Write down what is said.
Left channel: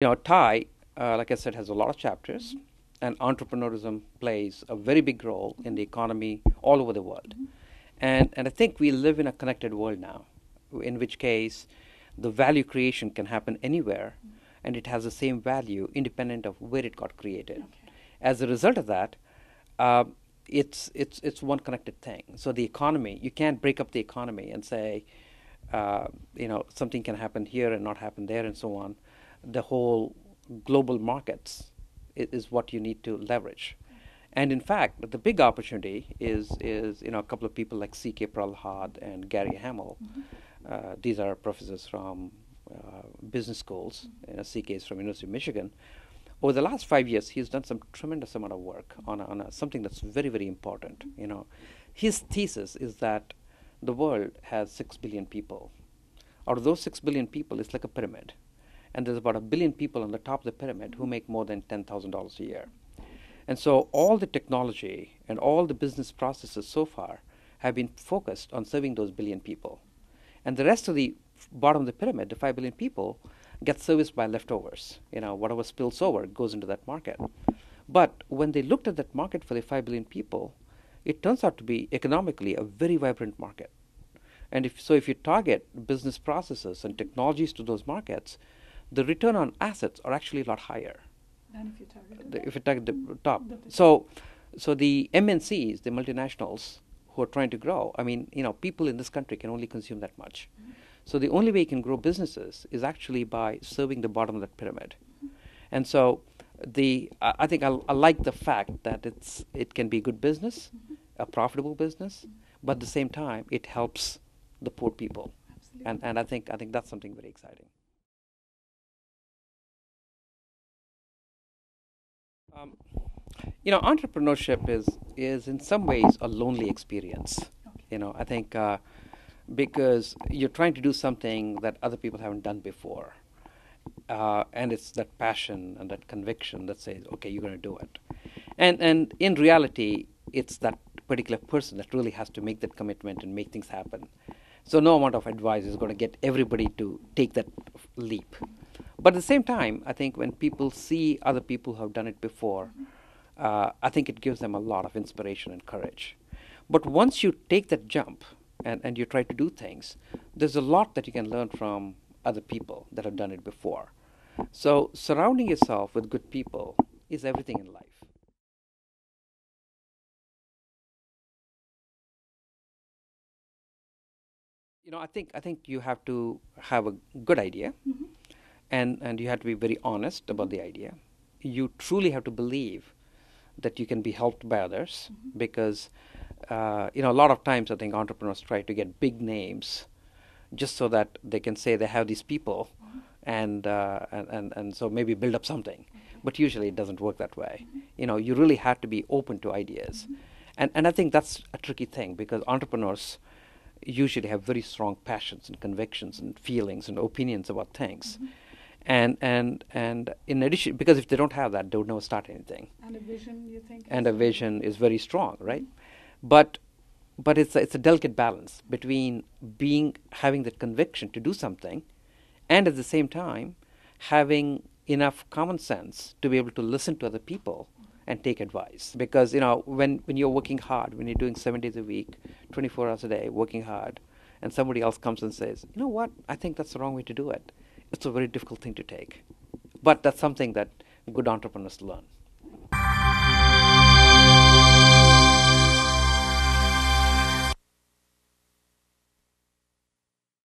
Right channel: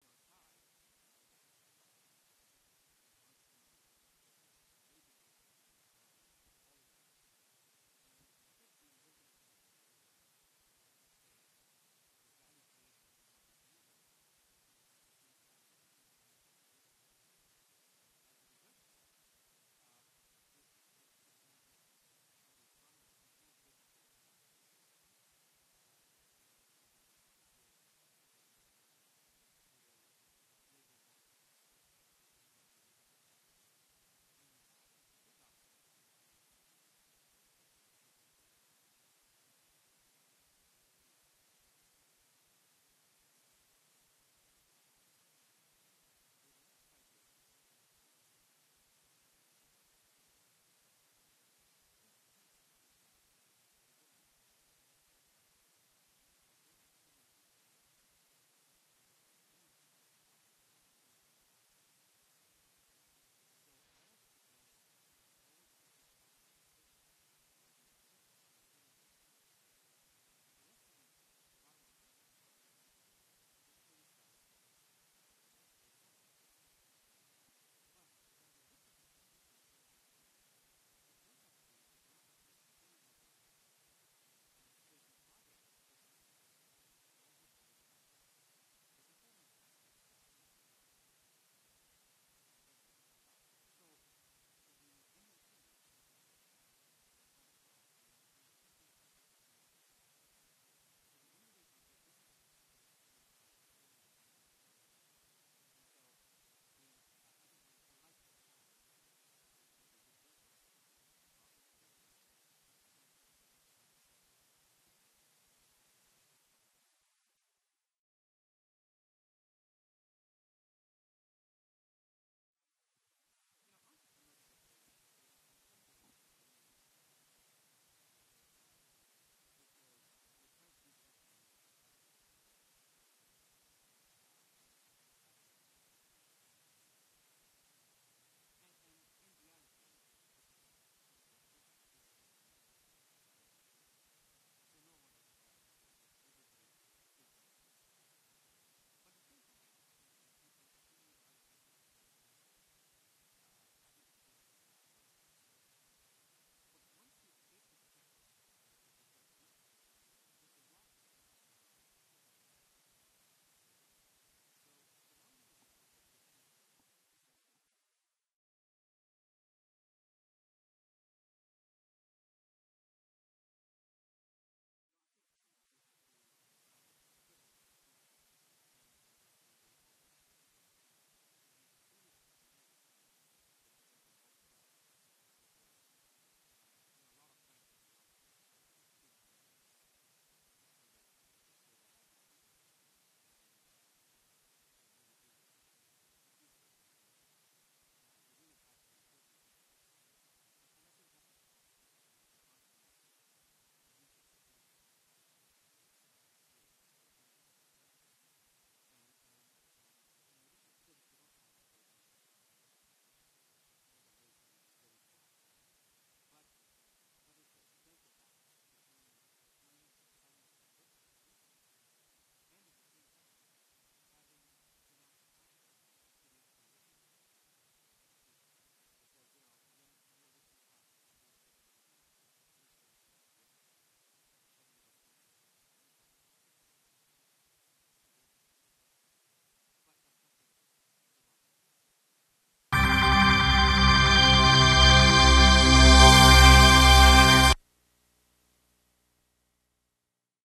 Thai, like I said, has a lot of chapters, and entrepreneurism plays a very big role in the economy all over the world. And I think we live in a connected world now, in which case the value creation can happen anywhere, and it has the same value independent of where it got created. As a result of that, uh, it's one connected thing. So the economy, you can't break up the economy and say, something can happen here and not happen there, and so on. The whole global markets is what you need to leverage. And in fact, the big opportunity is a couple of people like C.K. Prahalad and Gary Hamel. These are professors from business schools. C.K. is from University of Michigan. Over the last 5 years, he's done some tremendous amount of work on something that's very, very important. His thesis is that the world has 6 billion people. Out of those 6 billion people, it's like a pyramid. And there's about 1 billion people on the top of the pyramid who make more than $10,000 a year. And so all the technology and all the business processes so far have been focused on serving those billion people. And the rest of the bottom of the pyramid, the 5 billion people, get serviced by leftovers. Whatever spills over goes into that market. But when they looked at that market for the 5 billion people, it turns out to be economically a very vibrant market. And if you target business processes and technologies to those markets, the return on assets are actually a lot higher. And if you target the top. So the MNCs, the multinationals who are trying to grow, people in this country can only consume that much. So the only way you can grow businesses is actually by serving the bottom of that pyramid. And so I think I like the fact that it can be good business, a profitable business, but at the same time it helps the poor people. And I think that's something very exciting. Um, Entrepreneurship is in some ways a lonely experience. I think because you're trying to do something that other people haven't done before, and it's that passion and that conviction that says, okay, you're going to do it. And in reality, it's that particular person that really has to make that commitment and make things happen. So no amount of advice is going to get everybody to take that leap. But at the same time, I think when people see other people who have done it before, I think it gives them a lot of inspiration and courage. But once you take that jump and you try to do things, there's a lot that you can learn from other people that have done it before. So surrounding yourself with good people is everything in life. I think you have to have a good idea, and you have to be very honest about the idea. You truly have to believe that you can be helped by others, because a lot of times I think entrepreneurs try to get big names just so that they can say they have these people, and so maybe build up something. But usually it doesn't work that way. You really have to be open to ideas, and I think that's a tricky thing, because entrepreneurs usually have very strong passions and convictions and feelings and opinions about things. And in addition, because if they don't have that, they would never start anything. And a vision, you think? And a vision is very strong, right? But it's a delicate balance between having that conviction to do something, and at the same time having enough common sense to be able to listen to other people and take advice. Because when you're working hard, when you're doing 7 days a week, 24 hours a day, working hard, and somebody else comes and says, you know what, I think that's the wrong way to do it. It's a very difficult thing to take. But that's something that good entrepreneurs learn.